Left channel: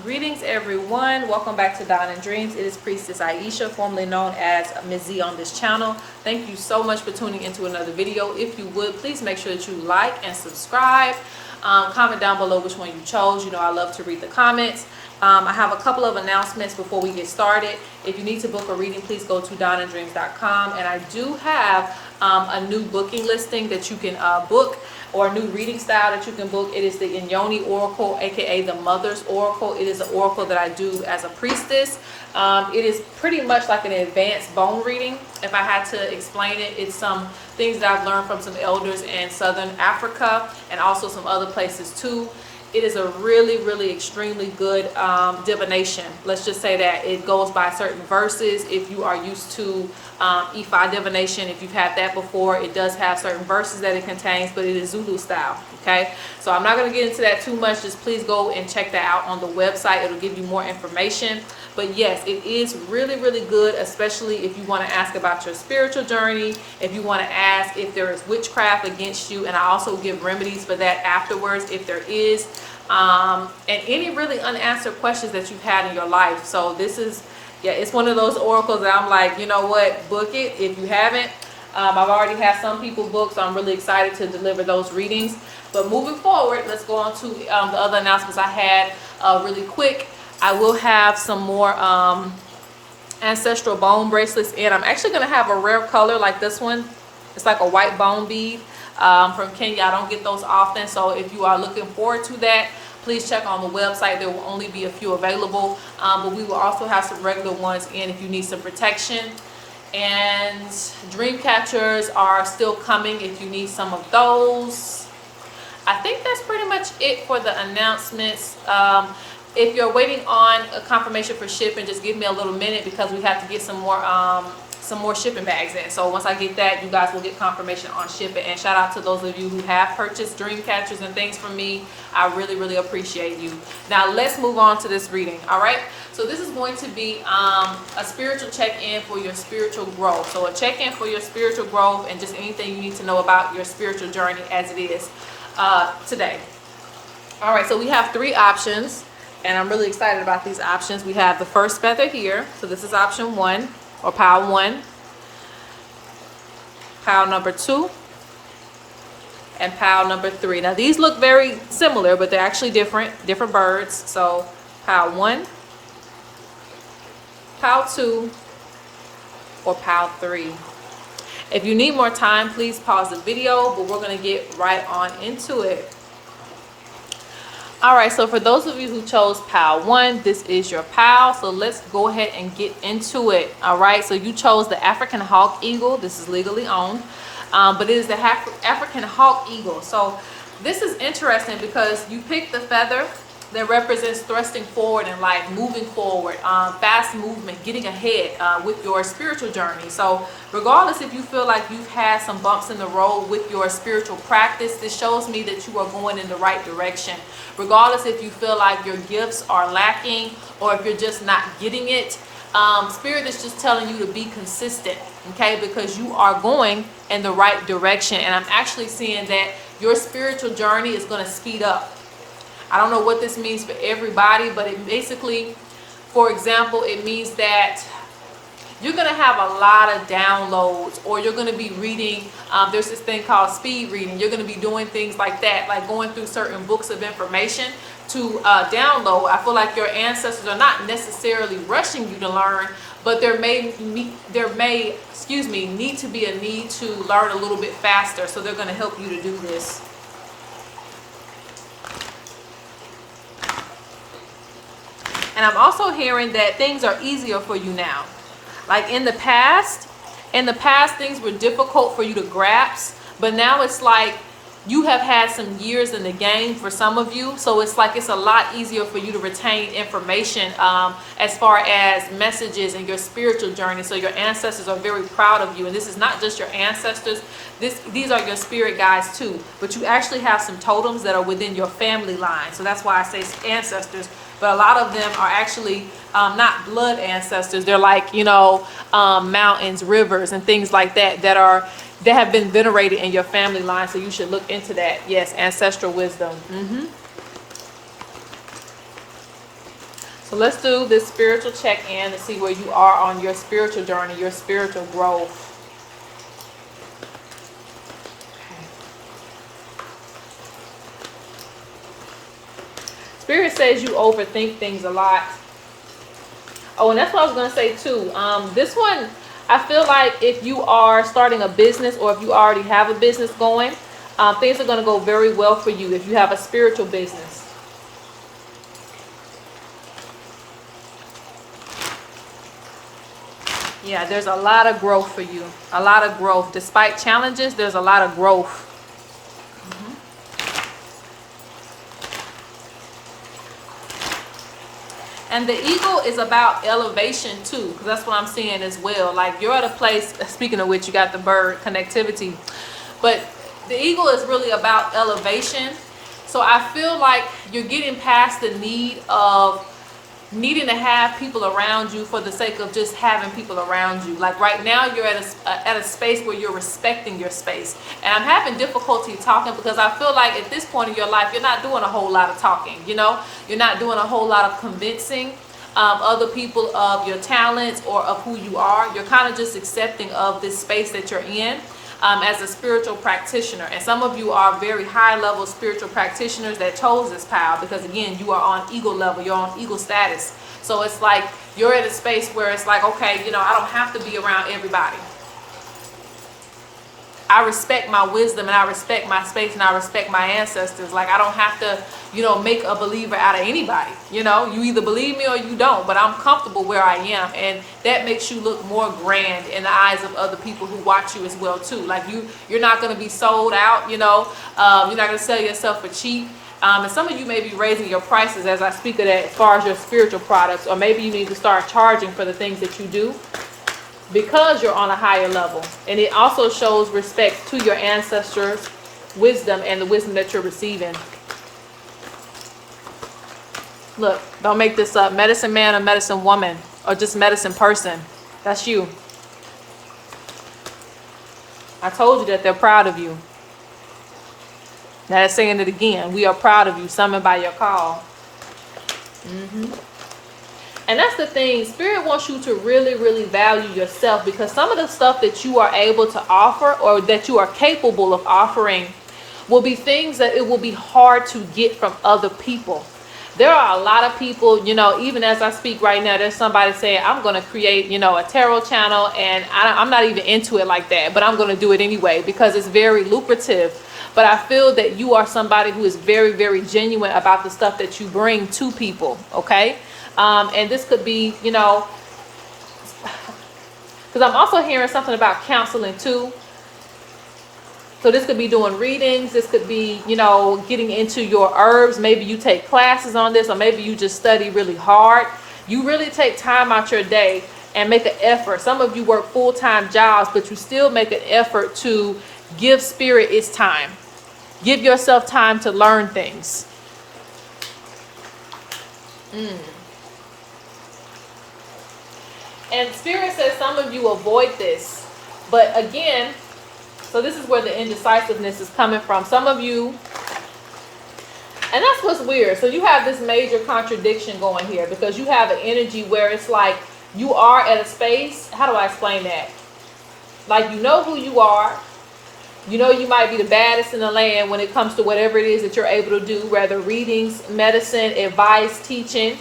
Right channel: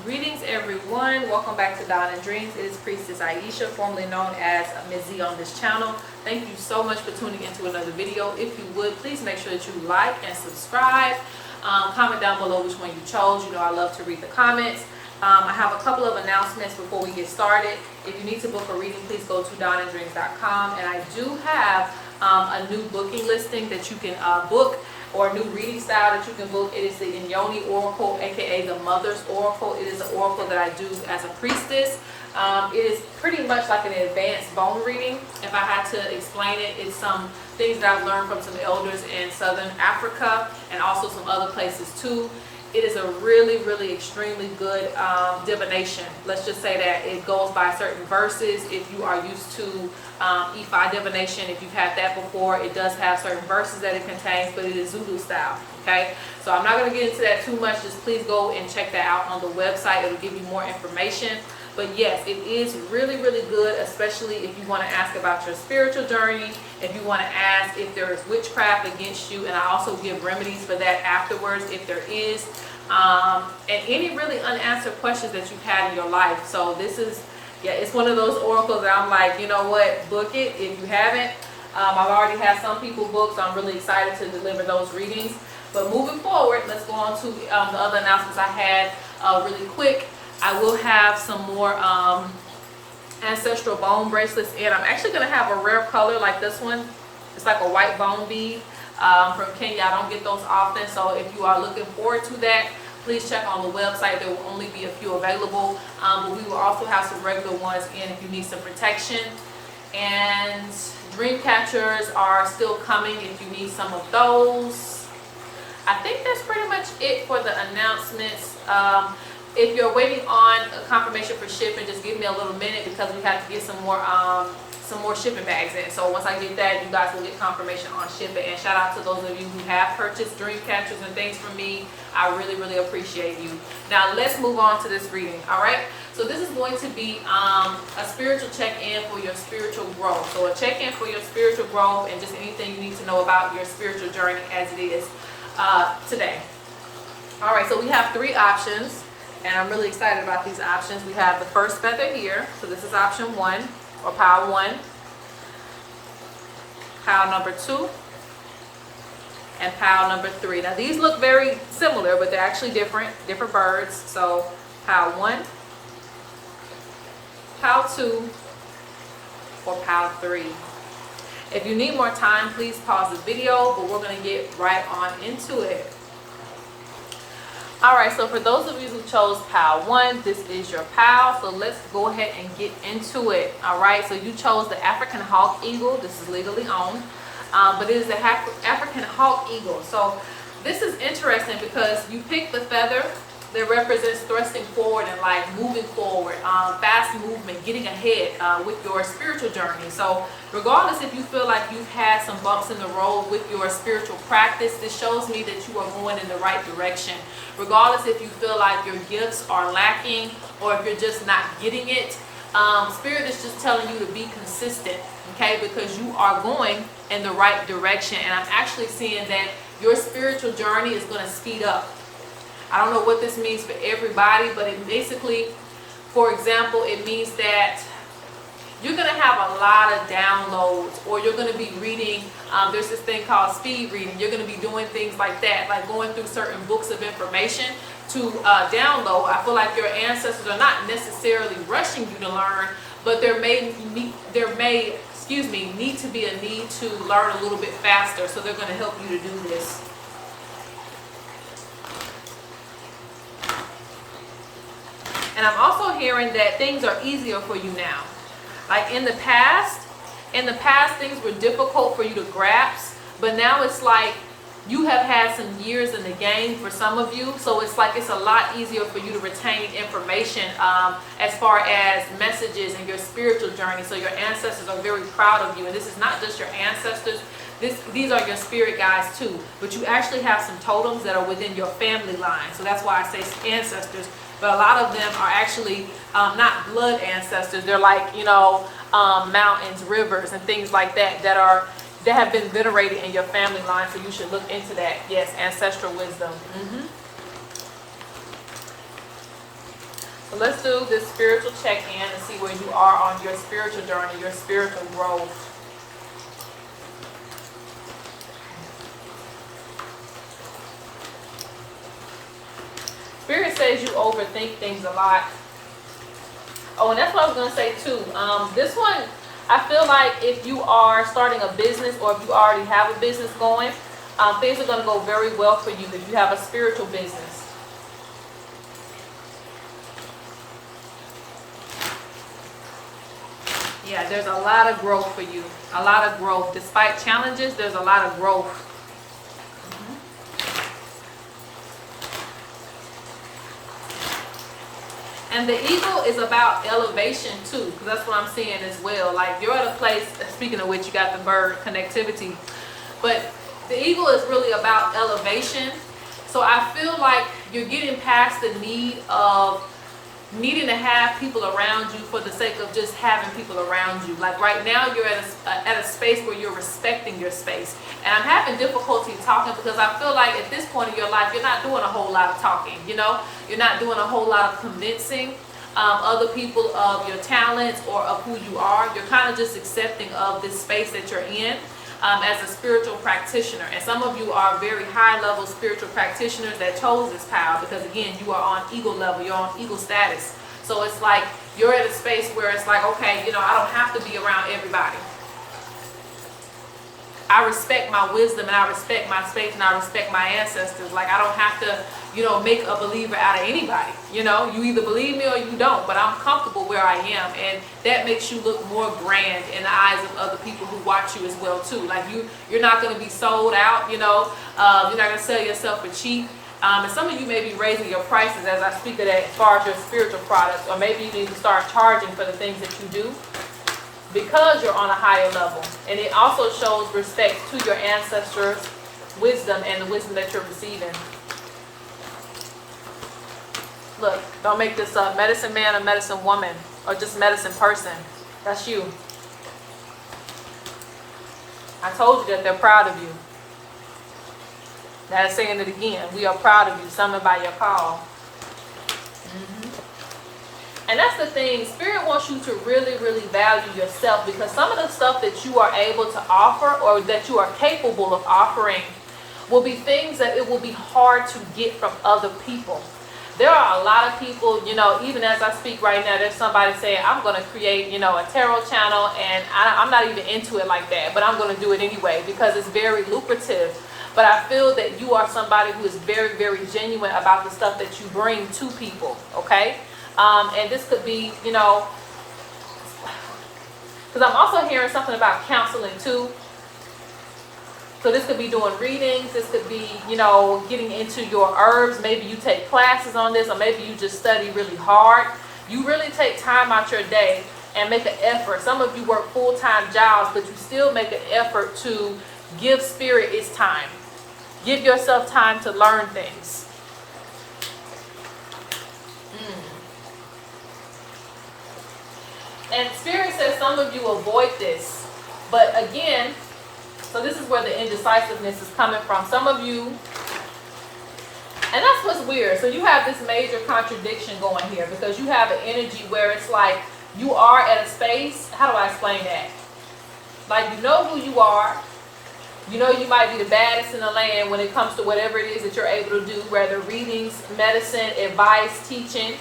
Greetings everyone, welcome back to Dawn and Dreams. It is Priestess Ieisha, formerly known as Ms.Z on this channel. Thank you so much for tuning into another video. If you would, please make sure that you like and subscribe. Comment down below which one you chose. You know I love to read the comments. I have a couple of announcements before we get started. If you need to book a reading, please go to dawnanddreams.com, and I do have a new booking listing that you can book, or a new reading style that you can book. It is the Inyoni Oracle, aka the Mother's Oracle. It is an oracle that I do as a priestess. It is pretty much like an advanced bone reading. If I had to explain it, it's some things that I've learned from some elders in Southern Africa and also some other places too. It is a really extremely good divination. Let's just say that it goes by certain verses. If you are used to Ifa divination, if you've had that before, it does have certain verses that it contains, but it is Zulu style. Okay, so I'm not going to get into that too much. Just please go and check that out on the website. It'll give you more information. But yes, it is really good, especially if you want to ask about your spiritual journey, if you want to ask if there is witchcraft against you, and I also give remedies for that afterwards if there is, and any really unanswered questions that you've had in your life. So this is, yeah, it's one of those oracles that I'm like, you know what, book it if you haven't. I've already had some people booked, so I'm really excited to deliver those readings. But moving forward, let's go on to the other announcements I had really quick. I will have some more ancestral bone bracelets in. I'm actually going to have a rare color like this one. It's like a white bone bead from Kenya. I don't get those often, so if you are looking forward to that, please check on the website. There will only be a few available, but we will also have some regular ones in if you need some protection. And dream catchers are still coming if you need some of those. I think that's pretty much it for the announcements. If you're waiting on a confirmation for shipping, just give me a little minute because we have to get some more shipping bags in. So once I get that, you guys will get confirmation on shipping. And shout out to those of you who have purchased dream catchers and things from me. I really appreciate you. Now let's move on to this reading. All right. So this is going to be a spiritual check-in for your spiritual growth. So a check-in for your spiritual growth and just anything you need to know about your spiritual journey as it is today. All right. So we have three options. And I'm really excited about these options. We have the first feather here. So this is option 1, or pile 1. Pile number 2. And pile number 3. Now these look very similar, but they're actually different birds. So pile 1, pile 2, or pile 3. If you need more time, please pause the video, but we're going to get right on into it. All right, so for those of you who chose pile 1, this is your pile. So let's go ahead and get into it. All right, so you chose the African hawk eagle. This is legally owned, but it is the African hawk eagle. So this is interesting because you picked the feather that represents thrusting forward in life, moving forward, fast movement, getting ahead with your spiritual journey. So regardless if you feel like you've had some bumps in the road with your spiritual practice, this shows me that you are going in the right direction. Regardless if you feel like your gifts are lacking or if you're just not getting it, Spirit is just telling you to be consistent, okay? Because you are going in the right direction. And I'm actually seeing that your spiritual journey is going to speed up. I don't know what this means for everybody, but it basically, for example, it means that you're going to have a lot of downloads, or you're going to be reading, there's this thing called speed reading. You're going to be doing things like that, like going through certain books of information to download. I feel like your ancestors are not necessarily rushing you to learn, but there may need to be a need to learn a little bit faster, so they're going to help you to do this. And I'm also hearing that things are easier for you now. Like in the past things were difficult for you to grasp, but now it's like you have had some years in the game for some of you, so it's like it's a lot easier for you to retain information as far as messages in your spiritual journey. So your ancestors are very proud of you, and this is not just your ancestors, these are your spirit guides too, but you actually have some totems that are within your family line. So that's why I say ancestors, but a lot of them are actually not blood ancestors. They're like, you know, mountains, rivers, and things like that that have been venerated in your family line. So you should look into that. Yes, ancestral wisdom. So let's do this spiritual check-in and see where you are on your spiritual journey, your spiritual growth. Spirit says you overthink things a lot. Oh, and that's what I was going to say too. This one, I feel like if you are starting a business or if you already have a business going, things are going to go very well for you if you have a spiritual business. Yeah, there's a lot of growth for you. A lot of growth. Despite challenges, there's a lot of growth. And the eagle is about elevation too, because that's what I'm seeing as well. Like you're at a place, speaking of which, you got the bird connectivity, but the eagle is really about elevation. So I feel like you're getting past the need of needing to have people around you for the sake of just having people around you. Like right now you're at a space where you're respecting your space. And I'm having difficulty talking because I feel like at this point in your life you're not doing a whole lot of talking, you know? You're not doing a whole lot of convincing other people of your talents or of who you are. You're kind of just accepting of this space that you're in. As a spiritual practitioner, and some of you are very high level spiritual practitioners that chose this power because again you are on eagle level, you're on eagle status. So it's like you're at a space where it's like, okay, you know, I don't have to be around everybody. I respect my wisdom and I respect my space and I respect my ancestors. Like I don't have to, you know, make a believer out of anybody. You know, you either believe me or you don't, but I'm comfortable where I am, and that makes you look more grand in the eyes of other people who watch you as well too. Like you're not going to be sold out, you know, you're not going to sell yourself for cheap. And some of you may be raising your prices as I speak of that as far as your spiritual products, or maybe you need to start charging for the things that you do, because you're on a higher level. And it also shows respect to your ancestors' wisdom and the wisdom that you're receiving. Look, don't make this up. Medicine man or medicine woman, or just medicine person. That's you. I told you that they're proud of you. Now they're saying it again. We are proud of you, summoned by your call. And that's the thing, Spirit wants you to really, really value yourself, because some of the stuff that you are able to offer or that you are capable of offering will be things that it will be hard to get from other people. There are a lot of people, you know, even as I speak right now, there's somebody saying, I'm going to create, you know, a tarot channel, and I'm not even into it like that, but I'm going to do it anyway because it's very lucrative. But I feel that you are somebody who is very, very genuine about the stuff that you bring to people, okay? And this could be, you know, because I'm also hearing something about counseling too. So this could be doing readings. This could be, you know, getting into your herbs. Maybe you take classes on this, or maybe you just study really hard. You really take time out your day and make an effort. Some of you work full-time jobs, but you still make an effort to give Spirit its time. Give yourself time to learn things. And Spirit says some of you avoid this. But again, so this is where the indecisiveness is coming from. Some of you, and that's what's weird. So you have this major contradiction going here, because you have an energy where it's like you are at a space. How do I explain that? Like, you know who you are. You know you might be the baddest in the land when it comes to whatever it is that you're able to do, whether readings, medicine, advice, teaching.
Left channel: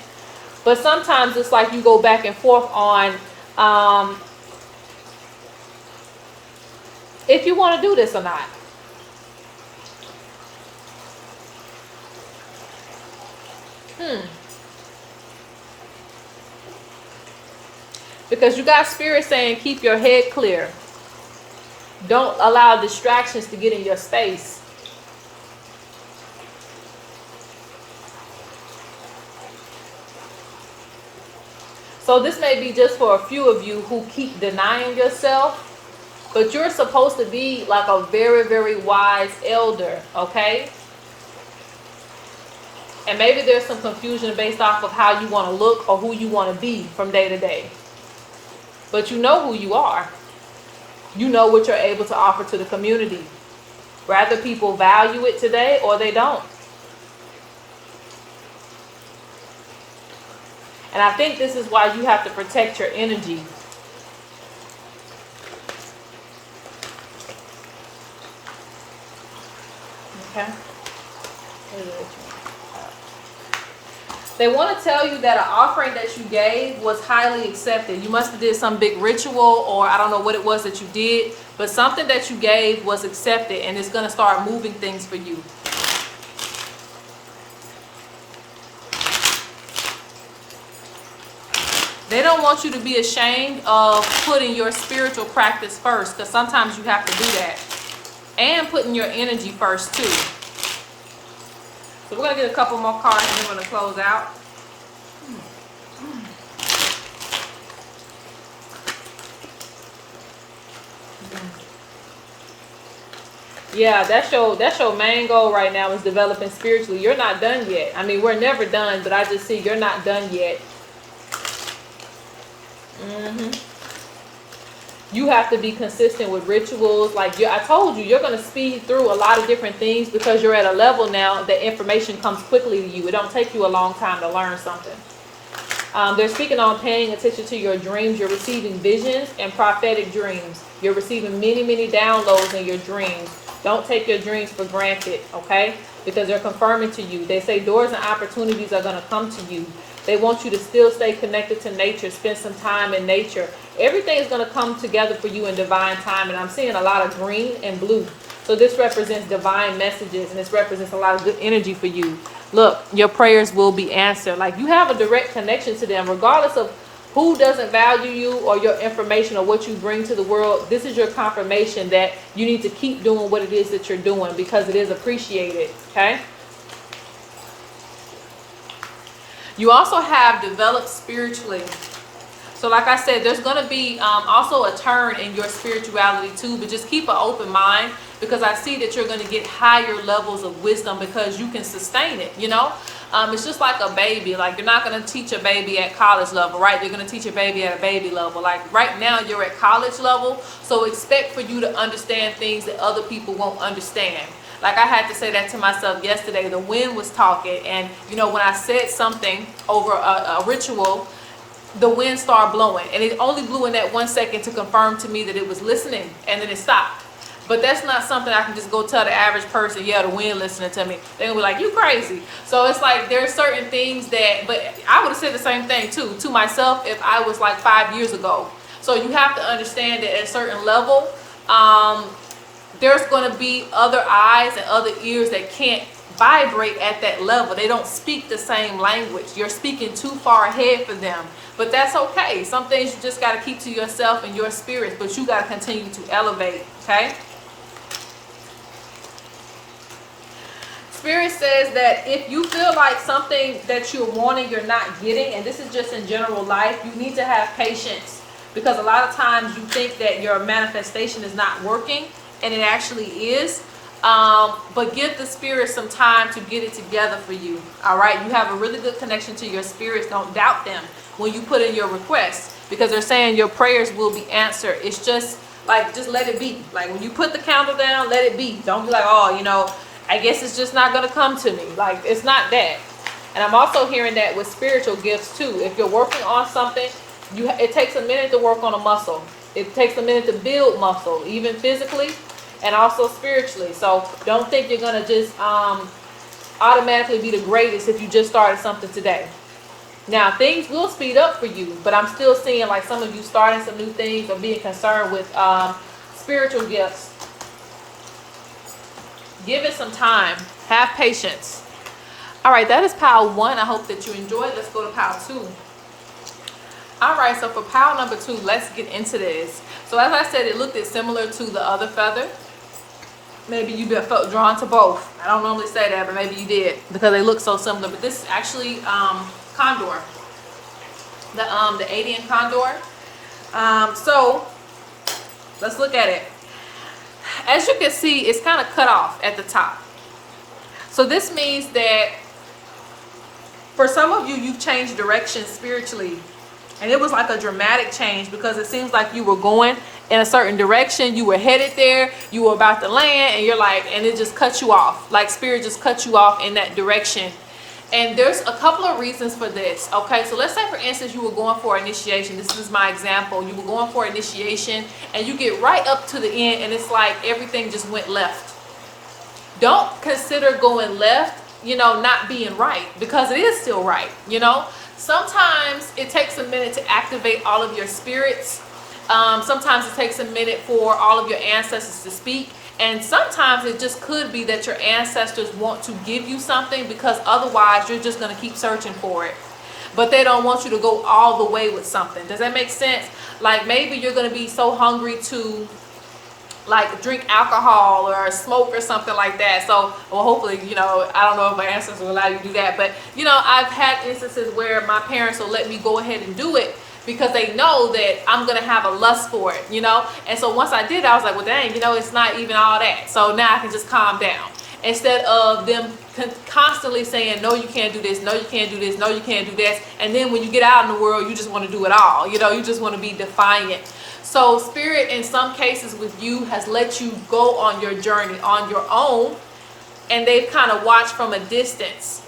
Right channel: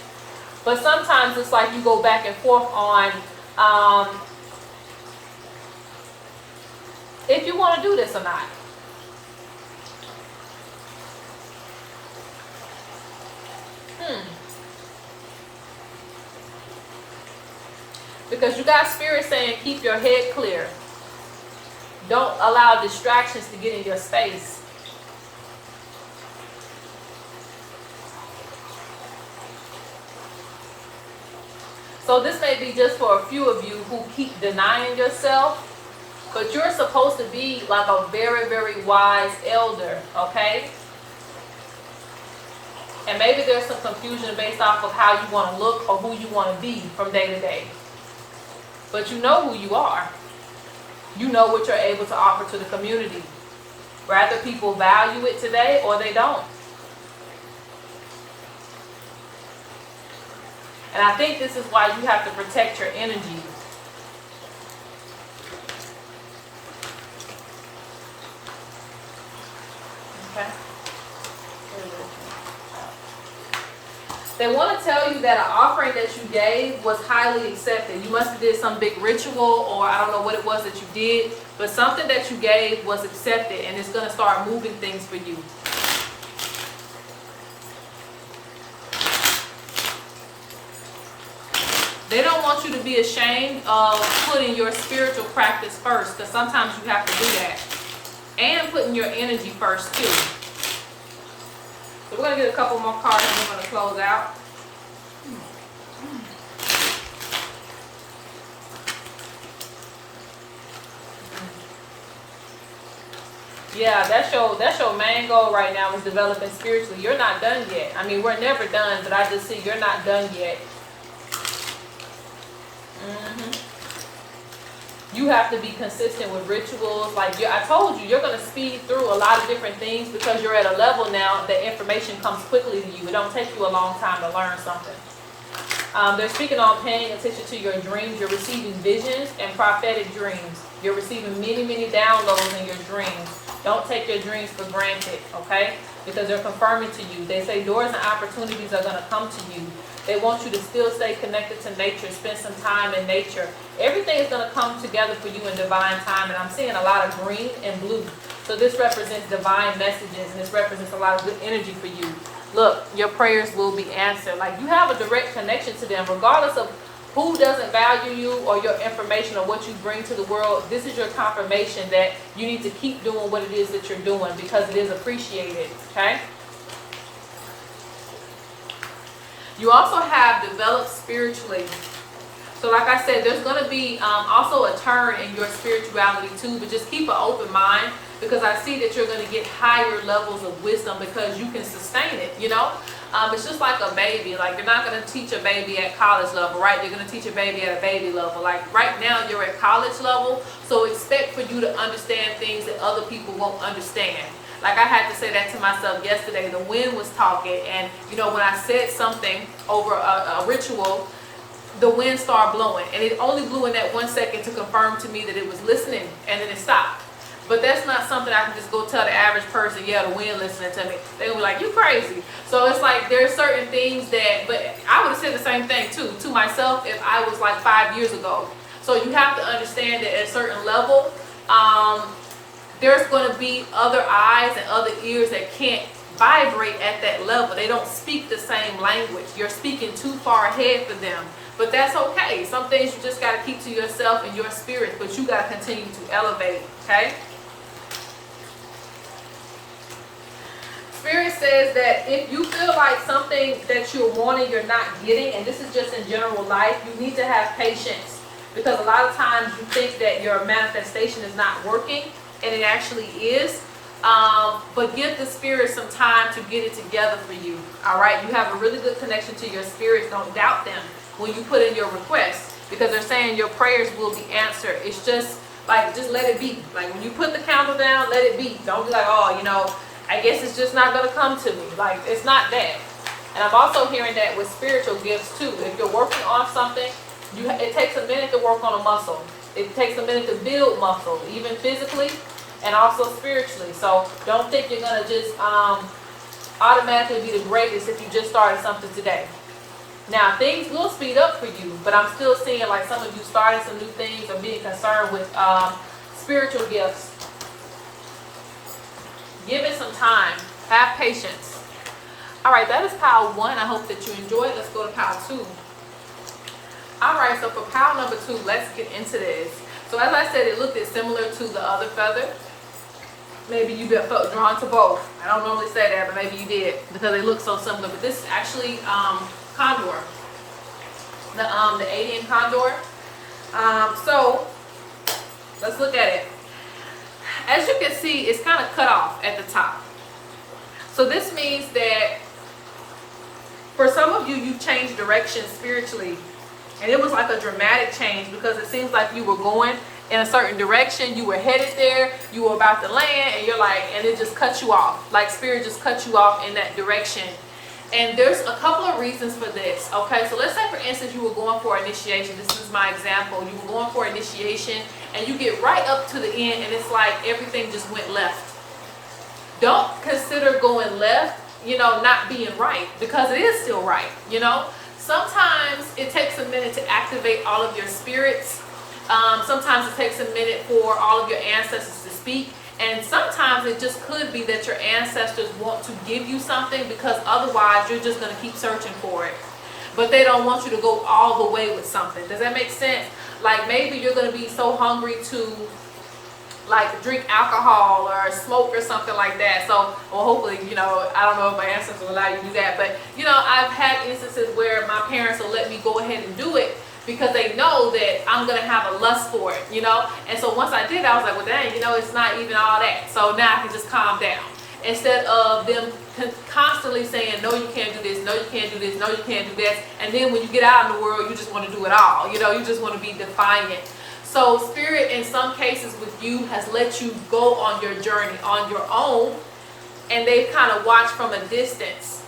But sometimes it's like you go back and forth on if you want to do this or not. Because you got Spirit saying keep your head clear. Don't allow distractions to get in your space. So this may be just for a few of you who keep denying yourself, but you're supposed to be like a very, very wise elder, okay? And maybe there's some confusion based off of how you want to look or who you want to be from day to day. But you know who you are. You know what you're able to offer to the community. Whether people value it today or they don't. And I think this is why you have to protect your energy. Okay. They want to tell you that an offering that you gave was highly accepted. You must have did some big ritual, or I don't know what it was that you did, but something that you gave was accepted, and it's going to start moving things for you. They don't want you to be ashamed of putting your spiritual practice first, because sometimes you have to do that. And putting your energy first too. So we're going to get a couple more cards and we're going to close out. Yeah, that's your main goal right now, is developing spiritually. You're not done yet. I mean, we're never done, but I just see you're not done yet. You have to be consistent with rituals. Like I told you, you're going to speed through a lot of different things because you're at a level now that information comes quickly to you. It don't take you a long time to learn something. They're speaking on paying attention to your dreams. You're receiving visions and prophetic dreams. You're receiving many, many downloads in your dreams. Don't take your dreams for granted, okay? Because they're confirming to you. They say doors and opportunities are going to come to you. They want you to still stay connected to nature, spend some time in nature. Everything is going to come together for you in divine time. And I'm seeing a lot of green and blue. So this represents divine messages, and this represents a lot of good energy for you. Look, your prayers will be answered. Like, you have a direct connection to them, regardless of who doesn't value you or your information or what you bring to the world. This is your confirmation that you need to keep doing what it is that you're doing, because it is appreciated, okay? You also have developed spiritually. So like I said, there's going to be also a turn in your spirituality too, but just keep an open mind, because I see that you're going to get higher levels of wisdom because you can sustain it, you know? It's just like a baby. Like, you're not going to teach a baby at college level, right? You're going to teach a baby at a baby level. Like, right now you're at college level, so expect for you to understand things that other people won't understand. Like, I had to say that to myself yesterday. The wind was talking, and you know, when I said something over a ritual, the wind started blowing, and it only blew in that 1 second to confirm to me that it was listening, and then it stopped. But that's not something I can just go tell the average person, yeah, the wind listening to me. They're going to be like, you crazy. So it's like, there's certain things that, but I would have said the same thing too, to myself, if I was like 5 years ago. So you have to understand that at a certain level, there's going to be other eyes and other ears that can't vibrate at that level. They don't speak the same language. You're speaking too far ahead for them. But that's okay. Some things you just got to keep to yourself and your spirit, but you got to continue to elevate, okay? Spirit says that if you feel like something that you're wanting you're not getting, and this is just in general life, you need to have patience, because a lot of times you think that your manifestation is not working, and it actually is. But give the spirit some time to get it together for you. All right, you have a really good connection to your spirits. Don't doubt them when you put in your requests, because they're saying your prayers will be answered. It's just like, just let it be. Like, when you put the candle down, let it be. Don't be like, oh, you know, I guess it's just not going to come to me. Like, it's not that. And I'm also hearing that with spiritual gifts too. If you're working on something, it takes a minute to work on a muscle. It takes a minute to build muscle, even physically and also spiritually. So don't think you're going to just automatically be the greatest if you just started something today. Now, things will speed up for you, but I'm still seeing like some of you starting some new things or being concerned with spiritual gifts. Give it some time. Have patience. All right, that is pile 1. I hope that you enjoyed. Let's go to pile 2. All right, so for pile number 2, let's get into this. So as I said, it looked similar to the other feather. Maybe you felt drawn to both. I don't normally say that, but maybe you did, because they look so similar. But this is actually condor, the Adian condor. So let's look at it. As you can see, it's kind of cut off at the top. So this means that for some of you, you've changed direction spiritually. And it was like a dramatic change, because it seems like you were going in a certain direction. You were headed there. You were about to land, and you're like, and it just cut you off. Like, spirit just cut you off in that direction. And there's a couple of reasons for this. Okay, so let's say for instance you were going for initiation. This is my example. You were going for initiation and you get right up to the end and it's like everything just went left. Don't consider going left, you know, not being right, because it is still right, you know. Sometimes it takes a minute to activate all of your spirits. Sometimes it takes a minute for all of your ancestors to speak. And sometimes it just could be that your ancestors want to give you something, because otherwise you're just going to keep searching for it. But they don't want you to go all the way with something. Does that make sense? Like maybe you're going to be so hungry to like drink alcohol or smoke or something like that. So, well, hopefully, you know, I don't know if my ancestors will allow you to do that. But, you know, I've had instances where my parents will let me go ahead and do it, because they know that I'm going to have a lust for it, you know. And so once I did, I was like, well, dang, you know, it's not even all that. So now I can just calm down. Instead of them constantly saying, no, you can't do this, no, you can't do this, no, you can't do this. And then when you get out in the world, you just want to do it all. You know, you just want to be defiant. So Spirit, in some cases with you, has let you go on your journey on your own. And they've kind of watched from a distance.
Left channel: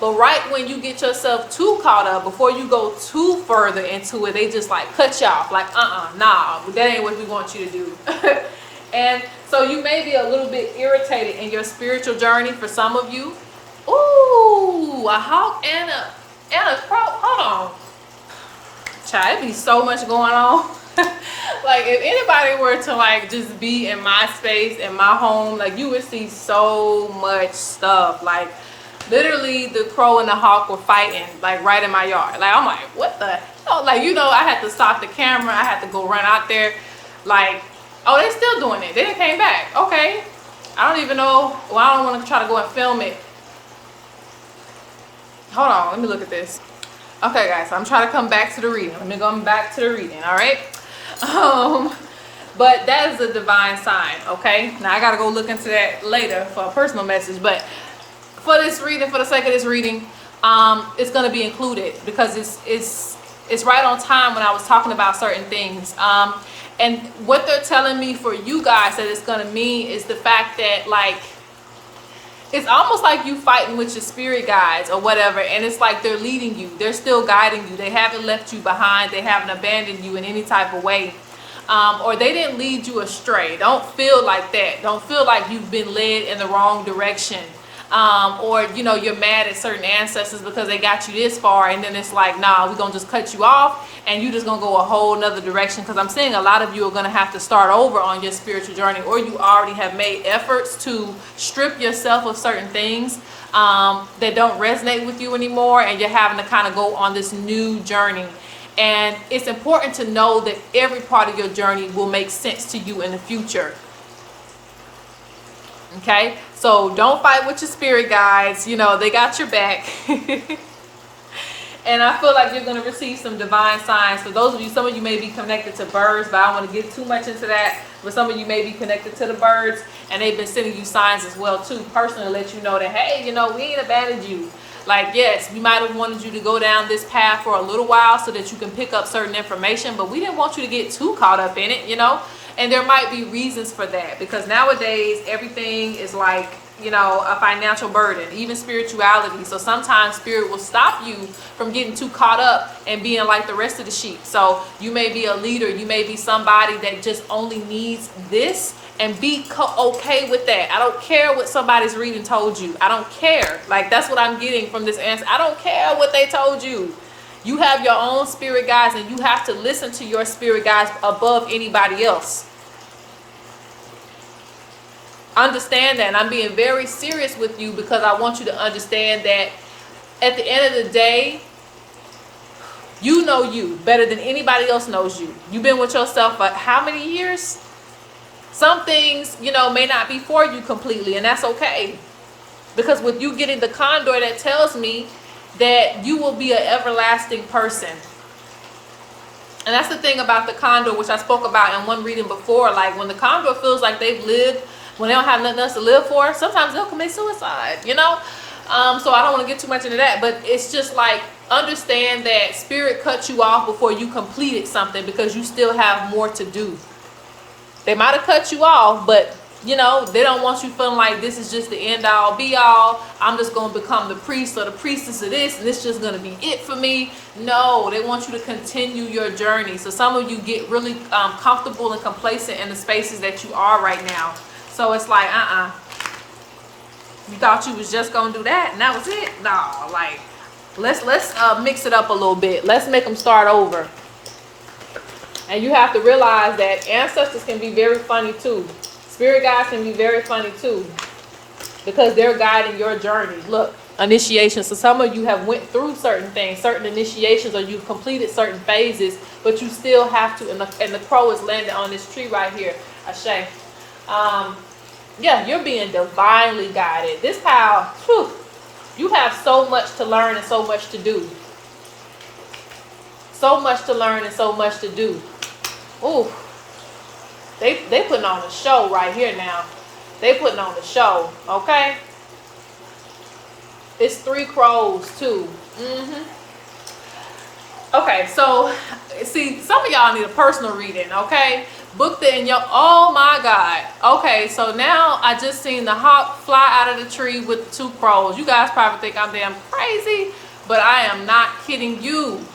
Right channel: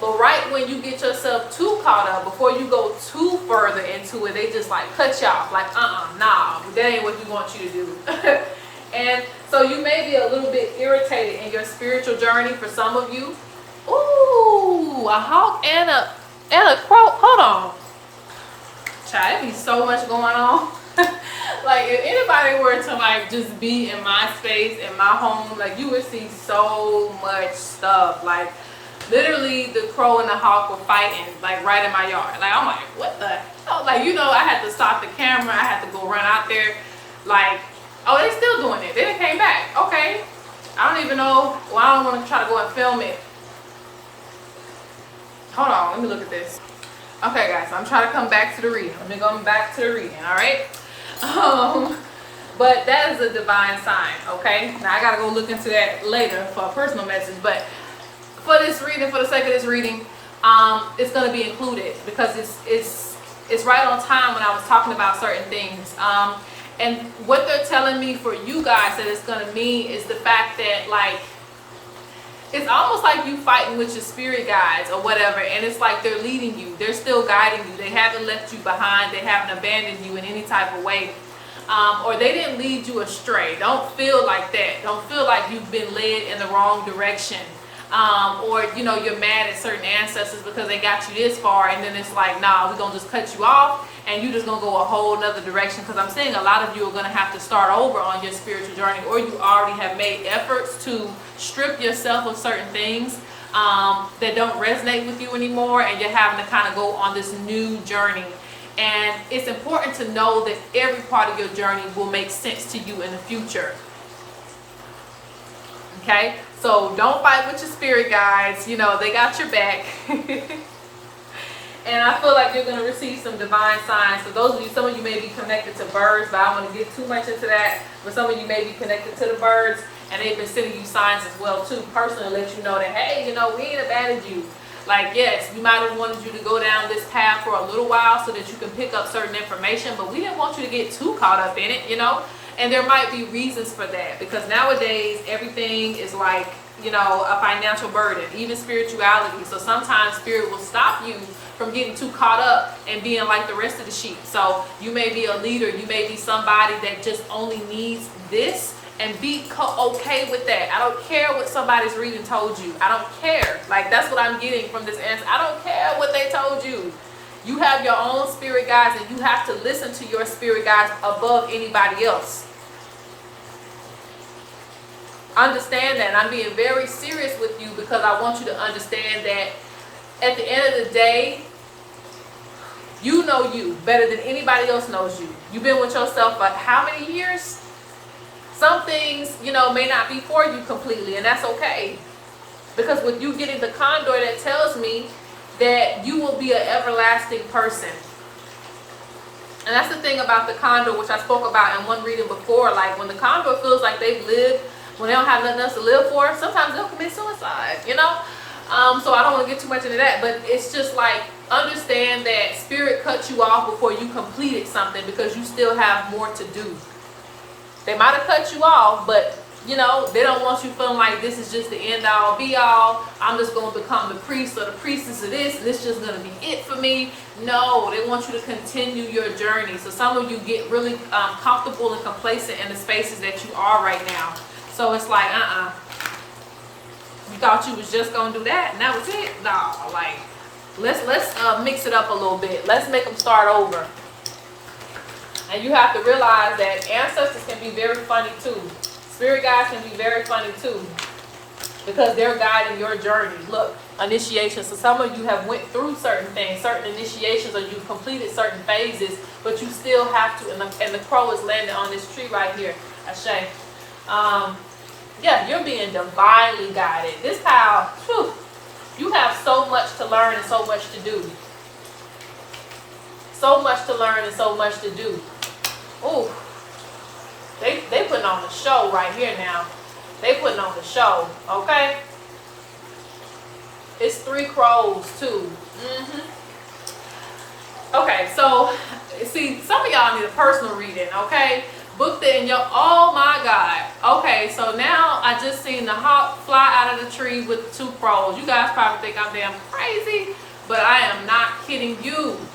But right when you get yourself too caught up, before you go too further into it, they just like cut you off. Like, nah, that ain't what we want you to do. And so you may be a little bit irritated in your spiritual journey for some of you. Ooh, a hawk and a crow. Hold on. Child, there be so much going on. Like if anybody were to like just be in my space, in my home, like you would see so much stuff. Like literally the crow and the hawk were fighting like right in my yard. Like I'm like, what the hell? Like, you know, I had to stop the camera. I had to go run out there. Like, oh, they're still doing it. They didn't came back. Okay. I don't even know. Well, I don't want to try to go and film it. Hold on. Let me look at this. Okay, guys. So I'm trying to come back to the reading. Let me go back to the reading. All right. But that is a divine sign. Okay. Now I got to go look into that later for a personal message. But for this reading, for the sake of this reading, it's going to be included because it's right on time when I was talking about certain things. And what they're telling me for you guys that it's going to mean is the fact that, like, it's almost like you fighting with your spirit guides or whatever, and it's like they're leading you. They're still guiding you. They haven't left you behind. They haven't abandoned you in any type of way. Or they didn't lead you astray. Don't feel like that. Don't feel like you've been led in the wrong direction. Or, you know, you're mad at certain ancestors because they got you this far, and then it's like, nah, we're going to just cut you off, and you're just going to go a whole nother direction. Because I'm seeing a lot of you are going to have to start over on your spiritual journey, or you already have made efforts to strip yourself of certain things that don't resonate with you anymore, and you're having to kind of go on this new journey. And it's important to know that every part of your journey will make sense to you in the future. Okay, so don't fight with your spirit guides. You know, they got your back. And I feel like you're going to receive some divine signs. For those of you, some of you may be connected to birds, but I don't want to get too much into that. But some of you may be connected to the birds, and they've been sending you signs as well too, personally, let you know that, hey, you know, we ain't abandoned you. Like, yes, we might have wanted you to go down this path for a little while so that you can pick up certain information, but we didn't want you to get too caught up in it, you know. And there might be reasons for that, because nowadays everything is like, you know, a financial burden, even spirituality. So sometimes spirit will stop you from getting too caught up and being like the rest of the sheep. So you may be a leader, you may be somebody that just only needs this, and be okay with that. I don't care what somebody's reading told you. I don't care. Like, that's what I'm getting from this answer. I don't care what they told you. You have your own spirit guides, and you have to listen to your spirit guides above anybody else. Understand that. And I'm being very serious with you, because I want you to understand that at the end of the day, you know you better than anybody else knows you. You've been with yourself for how many years? Some things, you know, may not be for you completely, and that's okay. Because with you getting the condor, that tells me that you will be an everlasting person. And that's the thing about the condor, which I spoke about in one reading before. Like, when the condor feels like they've lived, when they don't have nothing else to live for, sometimes they'll commit suicide, you know. So I don't want to get too much into that, but it's just like, understand that spirit cut you off before you completed something, because you still have more to do. They might have cut you off, but You know, they don't want you feeling like this is just the end all be all. I'm just going to become the priest or the priestess of this, and this is just going to be it for me. No, they want you to continue your journey. So some of you get really comfortable and complacent in the spaces that you are right now. So it's like, you thought you was just going to do that, and that was it? Nah, like, let's mix it up a little bit. Let's make them start over. And you have to realize that ancestors can be very funny too. Spirit guides can be very funny too, because they're guiding your journey. Look, initiation. So some of you have went through certain things, certain initiations, or you've completed certain phases, but you still have to, and the crow is landing on this tree right here. Ashe. Yeah, you're being divinely guided. This pal, whew, you have so much to learn and so much to do. So much to learn and so much to do. Ooh. They putting on a show right here now. They putting on the show, okay? It's 3 crows too. Okay, so see, some of y'all need a personal reading, okay? Booked it in your, oh my God. Okay, so now I just seen the hawk fly out of the tree with 2 crows. You guys probably think I'm damn crazy, but I am not kidding you.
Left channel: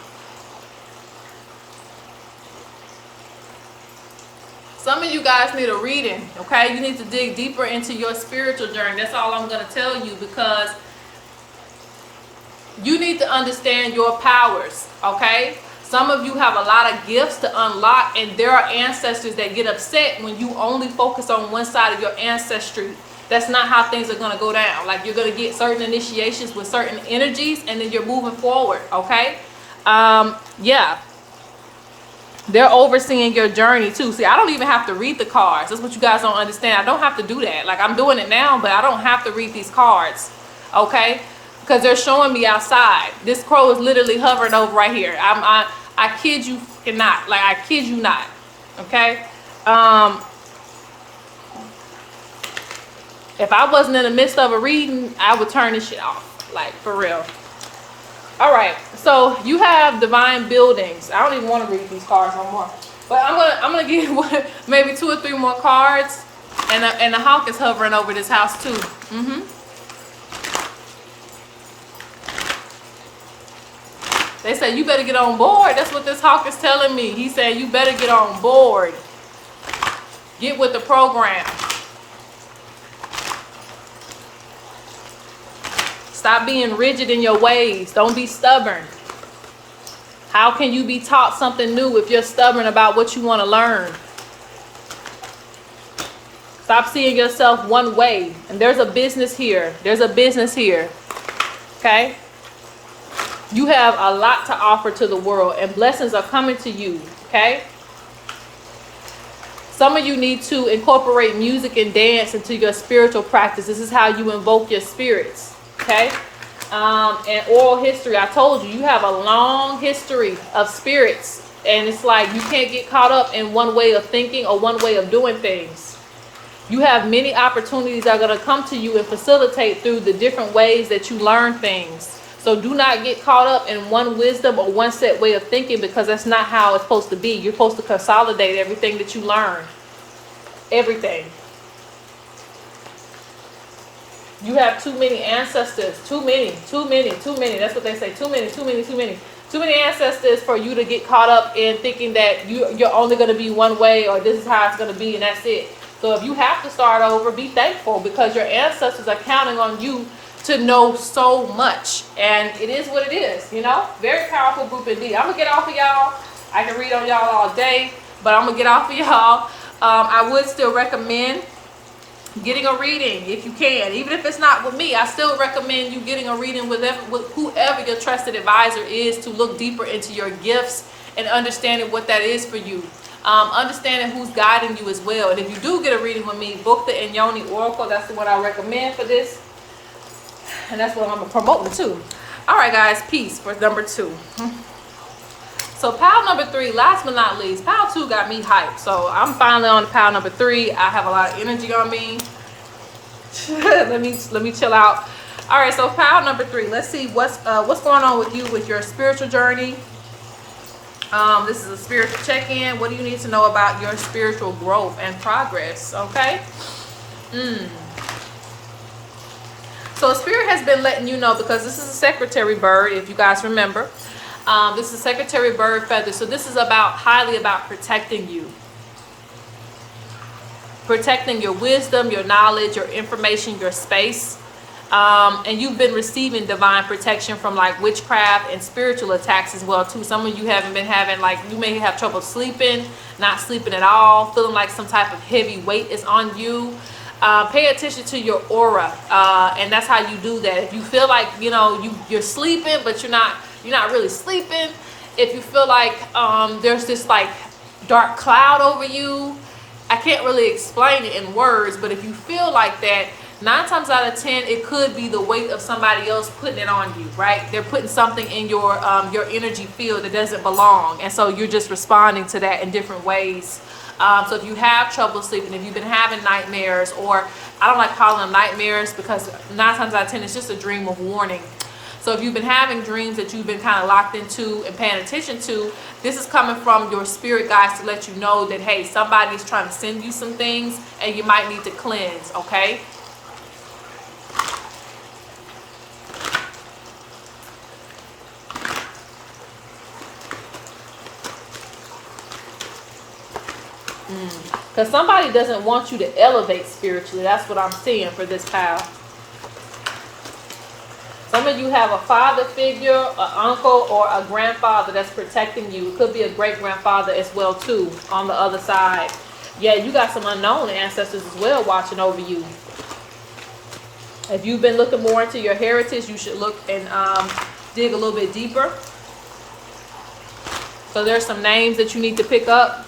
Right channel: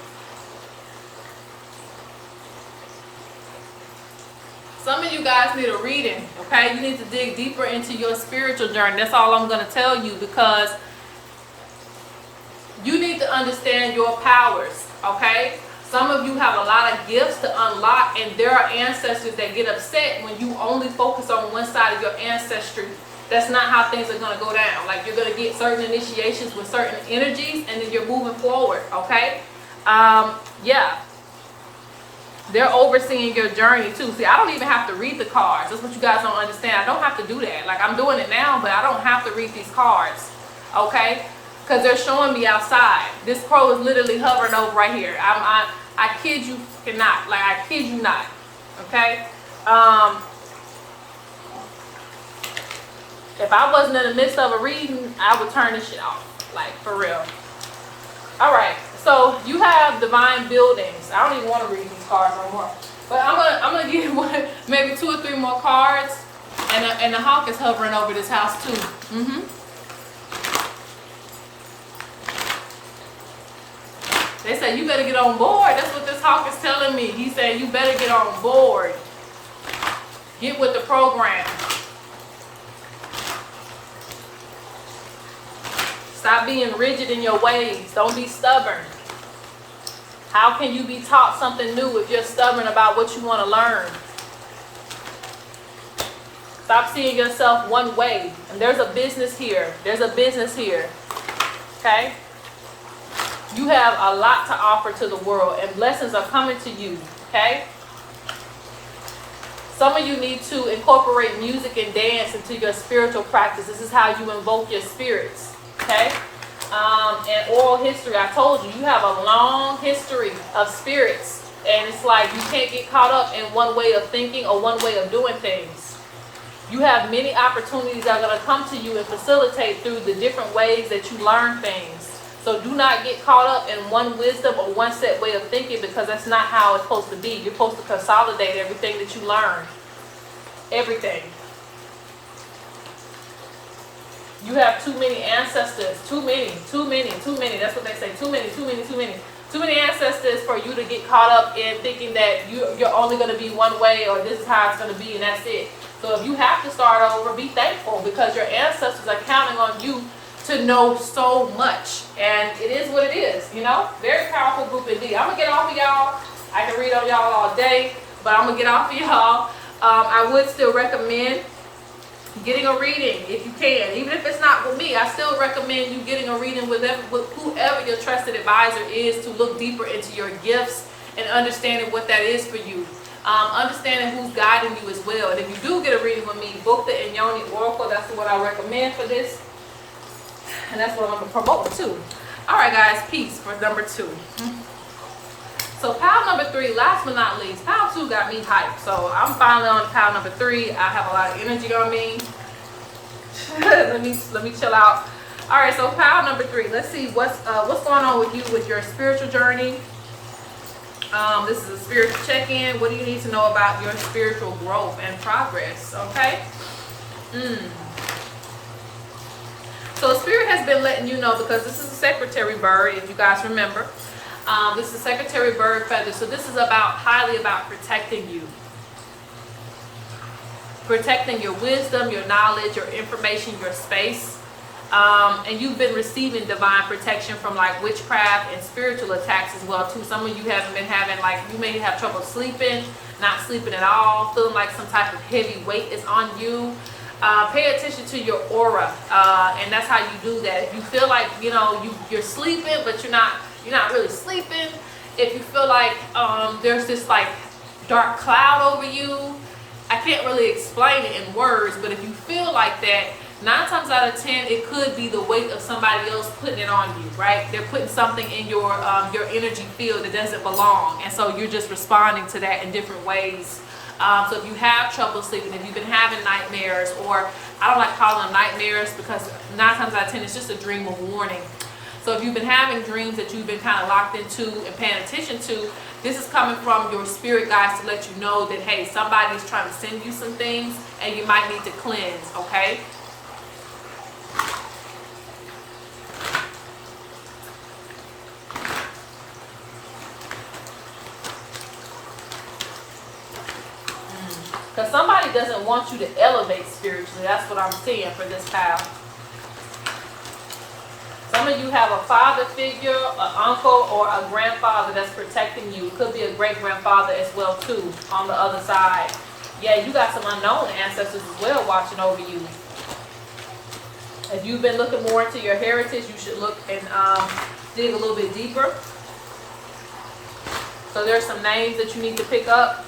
Some of you guys need a reading, okay? You need to dig deeper into your spiritual journey. That's all I'm going to tell you, because you need to understand your powers, okay? Some of you have a lot of gifts to unlock, and there are ancestors that get upset when you only focus on one side of your ancestry. That's not how things are going to go down. Like, you're going to get certain initiations with certain energies, and then you're moving forward, okay? Yeah. They're overseeing your journey too. See, I don't even have to read the cards. That's what you guys don't understand. I don't have to do that. Like, I'm doing it now, but I don't have to read these cards, okay? Because they're showing me outside. This crow is literally hovering over right here. I kid you not. Like, I kid you not, okay? If I wasn't in the midst of a reading, I would turn this shit off. Like, for real. All right. So you have divine buildings. I don't even want to read these cards no more. But I'm gonna give maybe 2 or 3 more cards. And the hawk is hovering over this house too. They said you better get on board. That's what this hawk is telling me. He said you better get on board. Get with the program. Stop being rigid in your ways. Don't be stubborn. How can you be taught something new if you're stubborn about what you want to learn? Stop seeing yourself one way. And there's a business here. There's a business here. Okay? You have a lot to offer to the world, and blessings are coming to you. Okay? Some of you need to incorporate music and dance into your spiritual practice. This is how you invoke your spirits. Okay? And oral history, I told you, you have a long history of spirits, and it's like you can't get caught up in one way of thinking or one way of doing things. You have many opportunities that are going to come to you and facilitate through the different ways that you learn things. So do not get caught up in one wisdom or one set way of thinking, because that's not how it's supposed to be. You're supposed to consolidate everything that you learn. Everything. You have too many ancestors. Too many. That's what they say. Too many ancestors for you to get caught up in thinking that you're only going to be one way, or this is how it's going to be, and that's it. So if you have to start over, be thankful, because your ancestors are counting on you to know so much. And it is what it is, you know? Very powerful group indeed. I'm going to get off of y'all. I can read on y'all all day, but I'm going to get off of y'all. I would still recommend getting a reading if you can. Even if it's not with me, I still recommend you getting a reading with whoever your trusted advisor is, to look deeper into your gifts and understanding what that is for you. Understanding who's guiding you as well. And if you do get a reading with me, book the Inyoni Oracle. That's the one I recommend for this. And that's what I'm promoting too. Alright guys, peace for number 2. So pile number 3, last but not least, pile 2 got me hyped. So I'm finally on to pile number 3. I have a lot of energy on me. let me chill out. All right, so pile number 3. Let's see what's going on with you with your spiritual journey. This is a spiritual check-in. What do you need to know about your spiritual growth and progress? Okay. So Spirit has been letting you know, because this is a secretary bird, if you guys remember. This is secretary bird feather. So this is highly about protecting you. Protecting your wisdom, your knowledge, your information, your space. And you've been receiving divine protection from like witchcraft and spiritual attacks as well too. Some of you haven't been having, like, you may have trouble sleeping, not sleeping at all, feeling like some type of heavy weight is on you. Pay attention to your aura, and that's how you do that. If you feel like, you know, you're sleeping but you're not really sleeping, if you feel like there's this like dark cloud over you, I can't really explain it in words, but if you feel like that, 9 times out of 10 it could be the weight of somebody else putting it on you, right? They're putting something in your energy field that doesn't belong, and so you're just responding to that in different ways. So if you have trouble sleeping, if you've been having nightmares, or I don't like calling them nightmares because 9 times out of 10 it's just a dream of warning. So if you've been having dreams that you've been kind of locked into and paying attention to, this is coming from your spirit guides to let you know that, hey, somebody is trying to send you some things and you might need to cleanse, okay? Because somebody doesn't want you to elevate spiritually. That's what I'm seeing for this pile. Some of you have a father figure, an uncle, or a grandfather that's protecting you. It could be a great-grandfather as well, too, on the other side. Yeah, you got some unknown ancestors as well watching over you. If you've been looking more into your heritage, you should look and dig a little bit deeper. So there's some names that you need to pick up.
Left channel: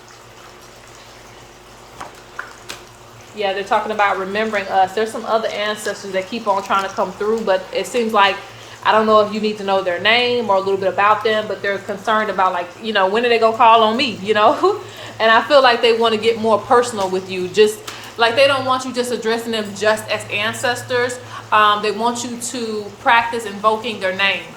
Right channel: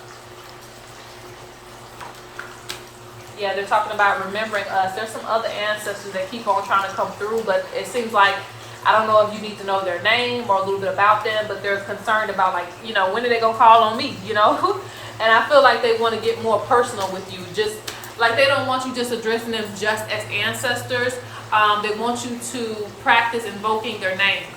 Yeah, they're talking about remembering us. There's some other ancestors that keep on trying to come through, but it seems like, I don't know if you need to know their name or a little bit about them, but they're concerned about, like, you know, when are they going to call on me, you know? And I feel like they want to get more personal with you. Just like they don't want you just addressing them just as ancestors. They want you to practice invoking their name.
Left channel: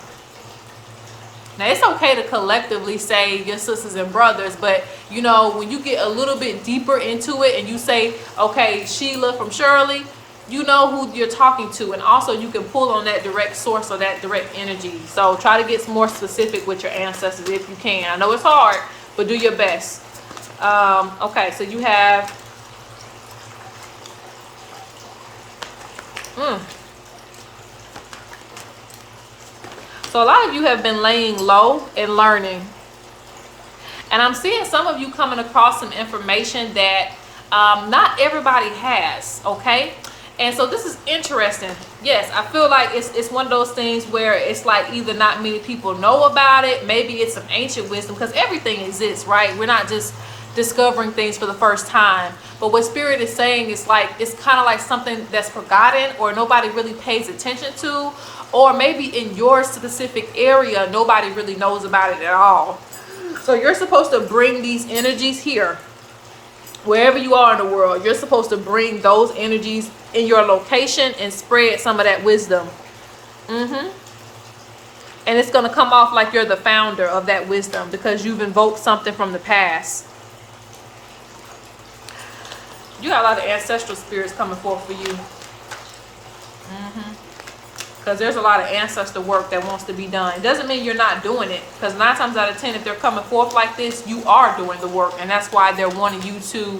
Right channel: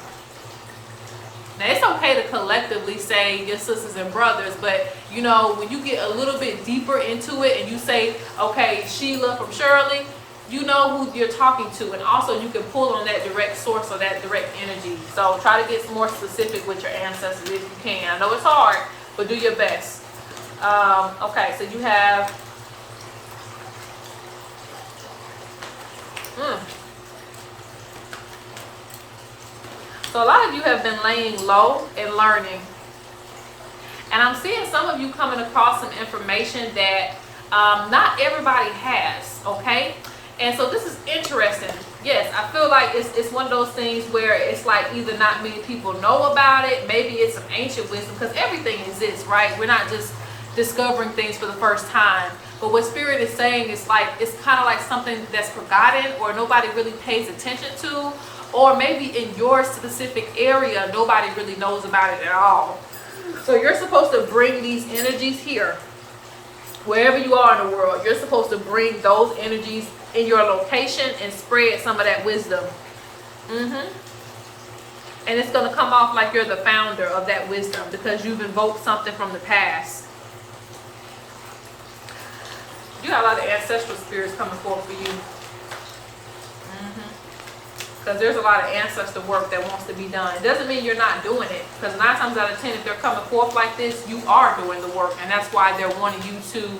Now, it's okay to collectively say your sisters and brothers, but, you know, when you get a little bit deeper into it and you say, okay, Sheila from Shirley, you know who you're talking to. And also you can pull on that direct source or that direct energy. So try to get more specific with your ancestors if you can. I know it's hard, but do your best. Okay, so you have... So a lot of you have been laying low and learning. And I'm seeing some of you coming across some information that not everybody has, okay? And so this is interesting. Yes, I feel like it's one of those things where it's like either not many people know about it, maybe it's some ancient wisdom, because everything exists, right? We're not just discovering things for the first time. But what Spirit is saying is like, it's kind of like something that's forgotten or nobody really pays attention to. Or maybe in your specific area, nobody really knows about it at all. So you're supposed to bring these energies here. Wherever you are in the world, you're supposed to bring those energies in your location and spread some of that wisdom. And it's going to come off like you're the founder of that wisdom because you've invoked something from the past. You got a lot of ancestral spirits coming forth for you. Because there's a lot of ancestor work that wants to be done. It doesn't mean you're not doing it. Because 9 times out of 10, if they're coming forth like this, you are doing the work. And that's why they're wanting you to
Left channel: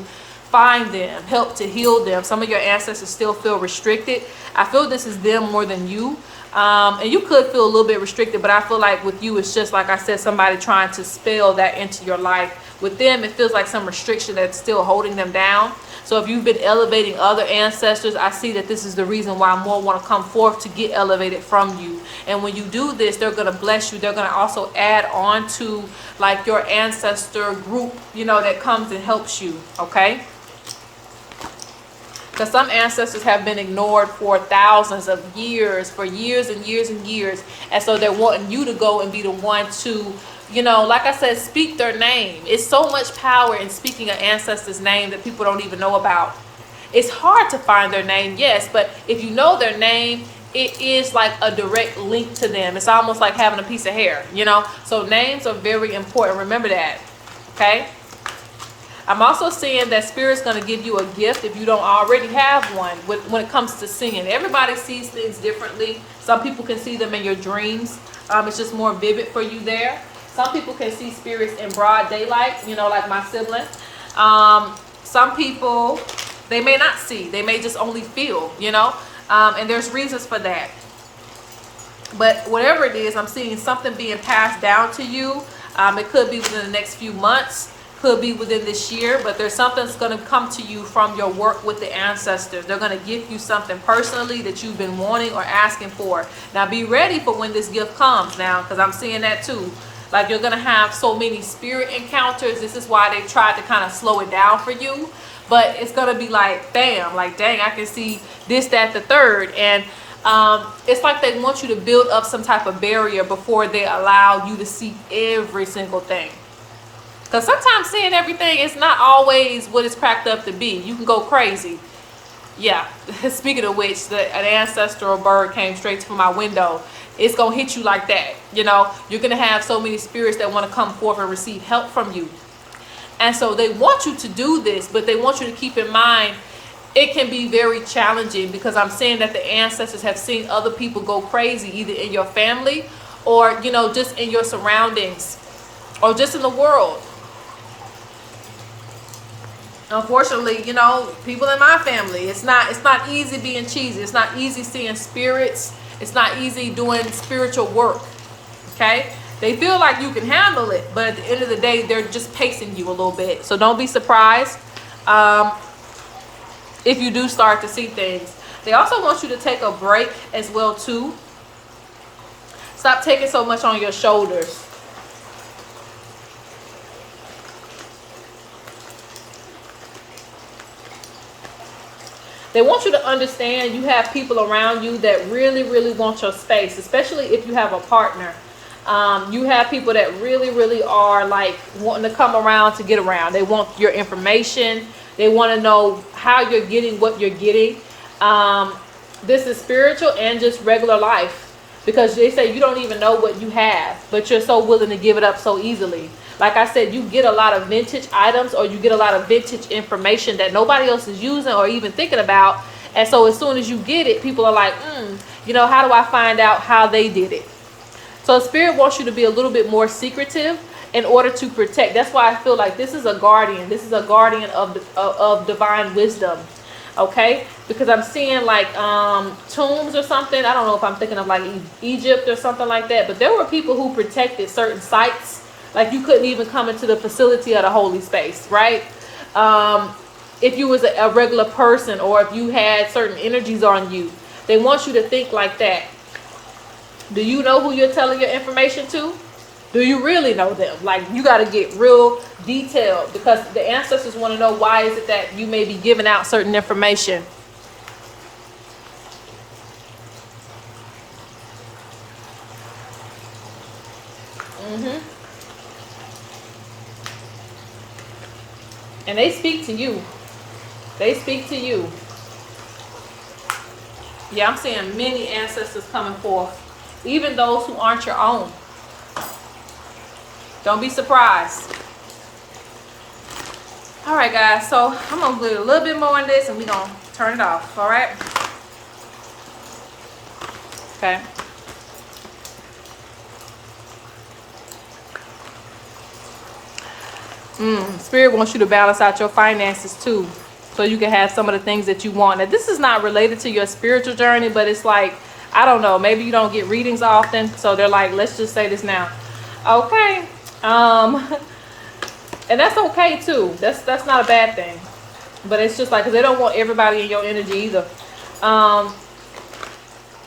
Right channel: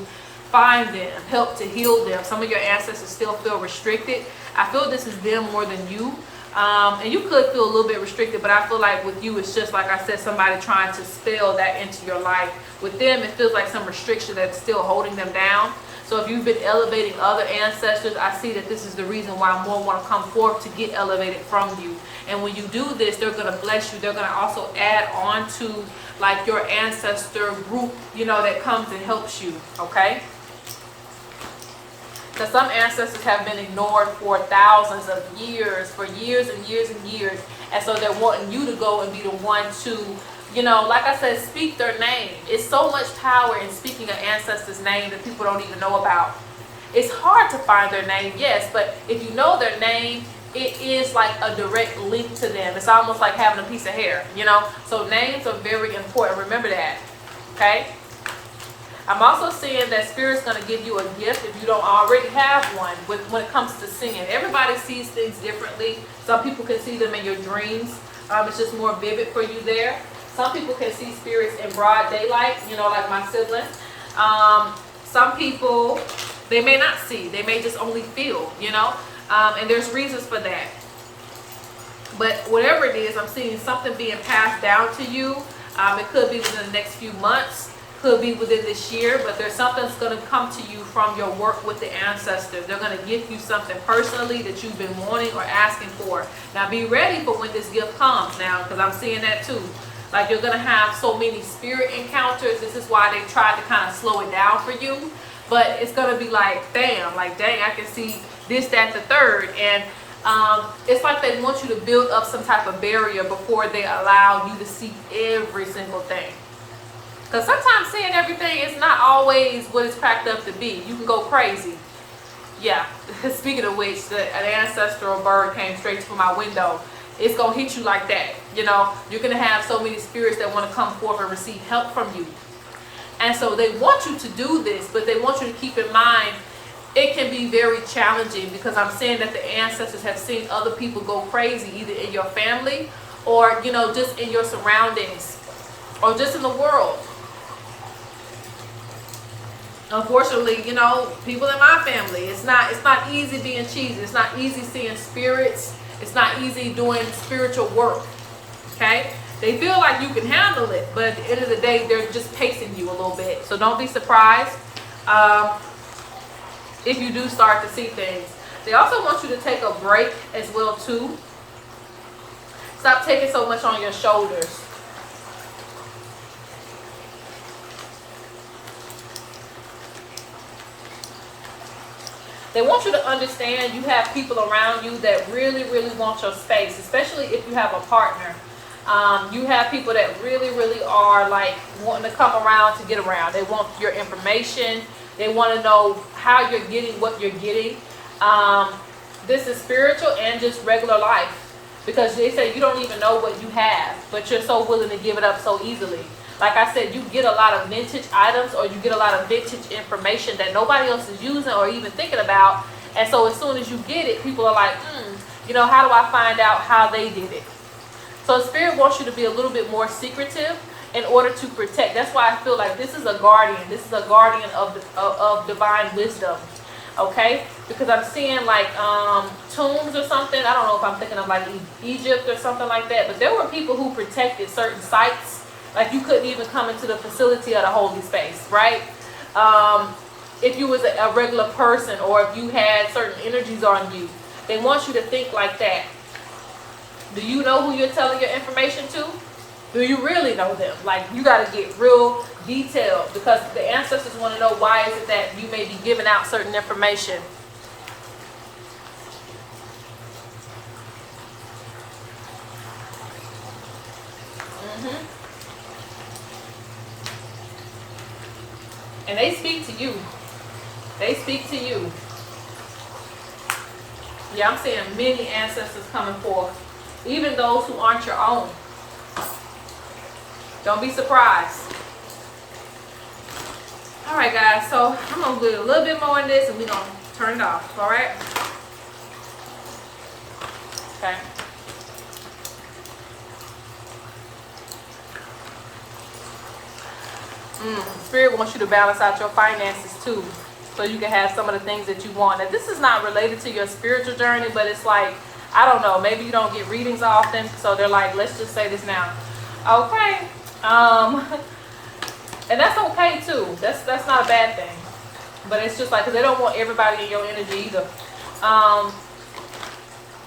find them, help to heal them. Some of your ancestors still feel restricted. I feel this is them more than you. And you could feel a little bit restricted, but I feel like with you, it's just like I said, somebody trying to spell that into your life. With them, it feels like some restriction that's still holding them down. So if you've been elevating other ancestors, I see that this is the reason why more want to come forth to get elevated from you. And when you do this, they're going to bless you. They're going to also add on to like your ancestor group, you know, that comes and helps you, okay? Because some ancestors have been ignored for thousands of years, for years and years and years. And so they're wanting you to go and be the one to, you know, like I said, speak their name. It's so much power in speaking an ancestor's name that people don't even know about. It's hard to find their name, yes, but if you know their name, it is like a direct link to them. It's almost like having a piece of hair, you know? So names are very important. Remember that, okay? I'm also seeing that Spirit's going to give you a gift if you don't already have one when it comes to seeing. Everybody sees things differently. Some people can see them in your dreams. It's just more vivid for you there. Some people can see spirits in broad daylight, you know, like my sibling. Some people, they may not see. They may just only feel, you know. And there's reasons for that. But whatever it is, I'm seeing something being passed down to you. It could be within the next few months. Could be within this year, but there's something that's going to come to you from your work with the ancestors. They're going to give you something personally that you've been wanting or asking for. Now be ready for when this gift comes now, because I'm seeing that too. Like, you're going to have so many spirit encounters. This is why they tried to kind of slow it down for you. But it's going to be like, bam, like, dang, I can see this, that, the third. And it's like they want you to build up some type of barrier before they allow you to see every single thing. Because sometimes seeing everything is not always what it's cracked up to be. You can go crazy. Yeah, speaking of which, an ancestral bird came straight to my window. It's going to hit you like that. You know, you're going to have so many spirits that want to come forth and receive help from you. And so they want you to do this, but they want you to keep in mind it can be very challenging, because I'm saying that the ancestors have seen other people go crazy, either in your family or, you know, just in your surroundings or just in the world. Unfortunately, you know, people in my family, it's not easy being cheesy. It's not easy seeing spirits. It's not easy doing spiritual work. Okay? They feel like you can handle it, but at the end of the day, they're just pacing you a little bit. So don't be surprised if you do start to see things. They also want you to take a break as well too. Stop taking so much on your shoulders. They want you to understand you have people around you that really, really want your space, especially if you have a partner. You have people that really, really are like wanting to come around to get around. They want your information. They want to know how you're getting what you're getting. This is spiritual and just regular life, because they say you don't even know what you have, but you're so willing to give it up so easily. Like I said, you get a lot of vintage items, or you get a lot of vintage information that nobody else is using or even thinking about. And so as soon as you get it, people are like, you know, how do I find out how they did it? So Spirit wants you to be a little bit more secretive in order to protect. That's why I feel like this is a guardian. This is a guardian of divine wisdom. Okay? Because I'm seeing like tombs or something. I don't know if I'm thinking of like Egypt or something like that. But there were people who protected certain sites. Like, you couldn't even come into the facility of the holy space, right? If you was a regular person, or if you had certain energies on you, they want you to think like that. Do you know who you're telling your information to? Do you really know them? Like, you got to get real detailed, because the ancestors want to know why is it that you may be giving out certain information. And they speak to you. They speak to you. Yeah, I'm seeing many ancestors coming forth. Even those who aren't your own. Don't be surprised. Alright guys, so I'm going to do a little bit more on this and we're going to turn it off. Alright? Okay. Spirit wants you to balance out your finances too, so you can have some of the things that you want. Now, this is not related to your spiritual journey, but it's like, I don't know, maybe you don't get readings often, so they're like, let's just say this now. Okay. And that's okay too. That's not a bad thing. But it's just like, 'cause they don't want everybody in your energy either.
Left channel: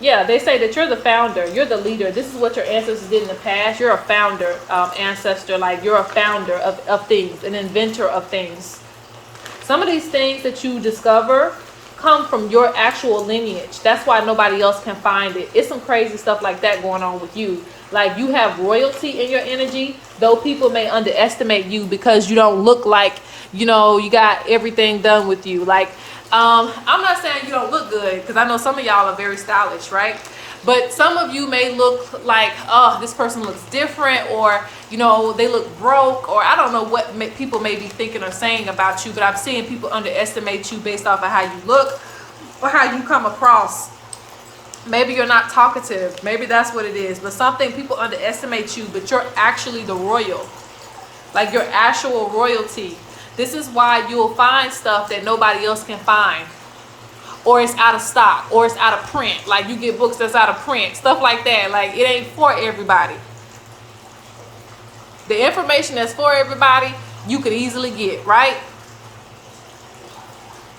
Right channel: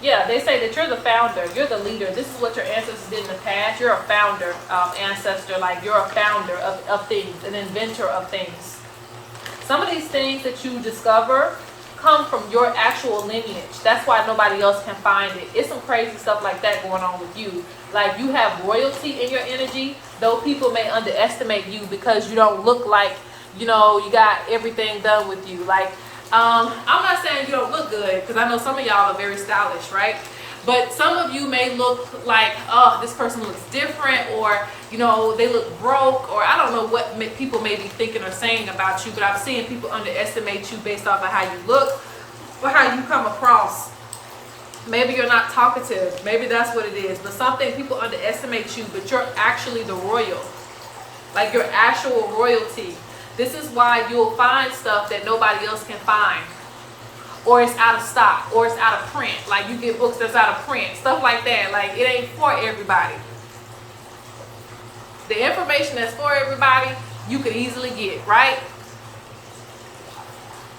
Yeah, they say that you're the founder, you're the leader. This is what your ancestors did in the past. You're a founder, ancestor, like you're a founder of things, an inventor of things. Some of these things that you discover come from your actual lineage. That's why nobody else can find it. It's some crazy stuff like that going on with you. Like, you have royalty in your energy, though people may underestimate you because you don't look like, you know, you got everything done with you. Like, I'm not saying you don't look good, because I know some of y'all are very stylish, right? But some of you may look like, oh, this person looks different, or, you know, they look broke, or I don't know what people may be thinking or saying about you, but I'm seeing people underestimate you based off of how you look or how you come across. Maybe you're not talkative. Maybe that's what it is. But something, people underestimate you, but you're actually the royal. Like, you're actual royalty. This is why you'll find stuff that nobody else can find. Or it's out of stock, or it's out of print. Like, you get books that's out of print, stuff like that. Like, it ain't for everybody. The information that's for everybody, you could easily get, right?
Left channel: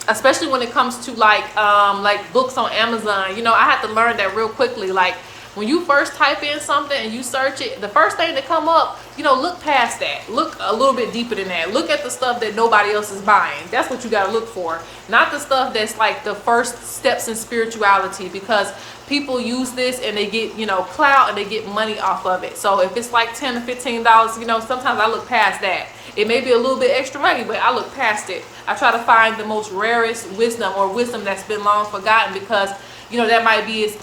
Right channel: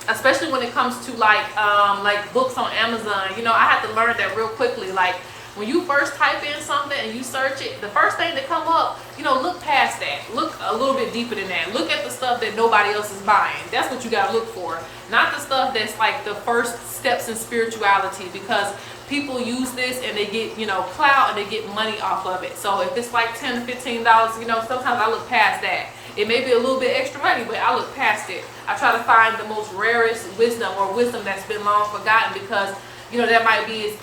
Especially when it comes to like books on Amazon. You know, I had to learn that real quickly. Like, when you first type in something and you search it, the first thing that come up, you know, look past that. Look a little bit deeper than that. Look at the stuff that nobody else is buying. That's what you got to look for. Not the stuff that's like the first steps in spirituality, because people use this and they get, you know, clout and they get money off of it. So if it's like $10 to $15, you know, sometimes I look past that. It may be a little bit extra money, but I look past it. I try to find the most rarest wisdom, or wisdom that's been long forgotten, because, you know, that might be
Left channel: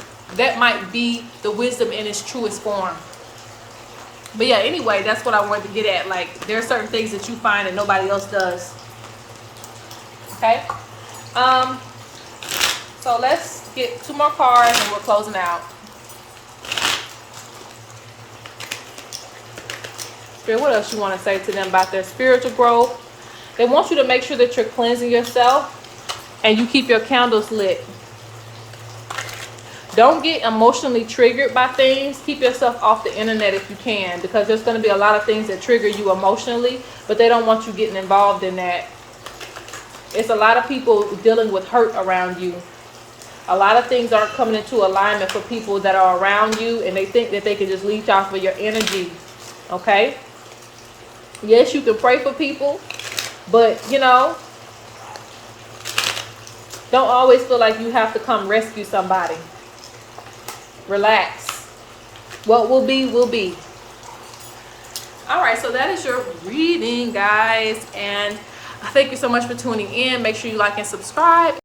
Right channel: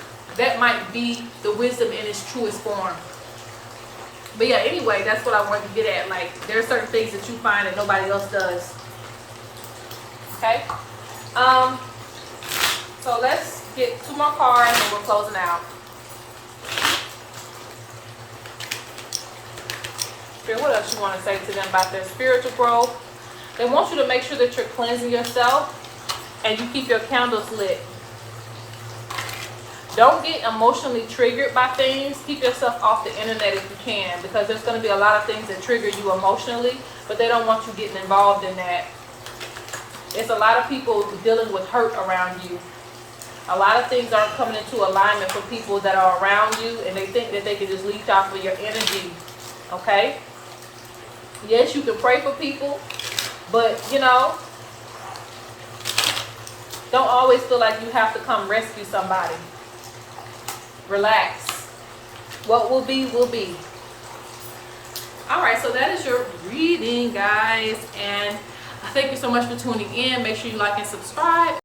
the wisdom in its truest form. But yeah, anyway, that's what I wanted to get at. Like, there are certain things that you find that nobody else does. Okay? So let's get 2 more cards and we're closing out. Spirit, what else you want to say to them about their spiritual growth? They want you to make sure that you're cleansing yourself and you keep your candles lit. Don't get emotionally triggered by things. Keep yourself off the internet if you can, because there's going to be a lot of things that trigger you emotionally, but they don't want you getting involved in that. It's a lot of people dealing with hurt around you. A lot of things aren't coming into alignment for people that are around you, and they think that they can just leech off of your energy. Okay? Yes, you can pray for people, but, you know, don't always feel like you have to come rescue somebody. Relax. What will be, will be. Alright, so that is your reading, guys. And thank you so much for tuning in. Make sure you like and subscribe.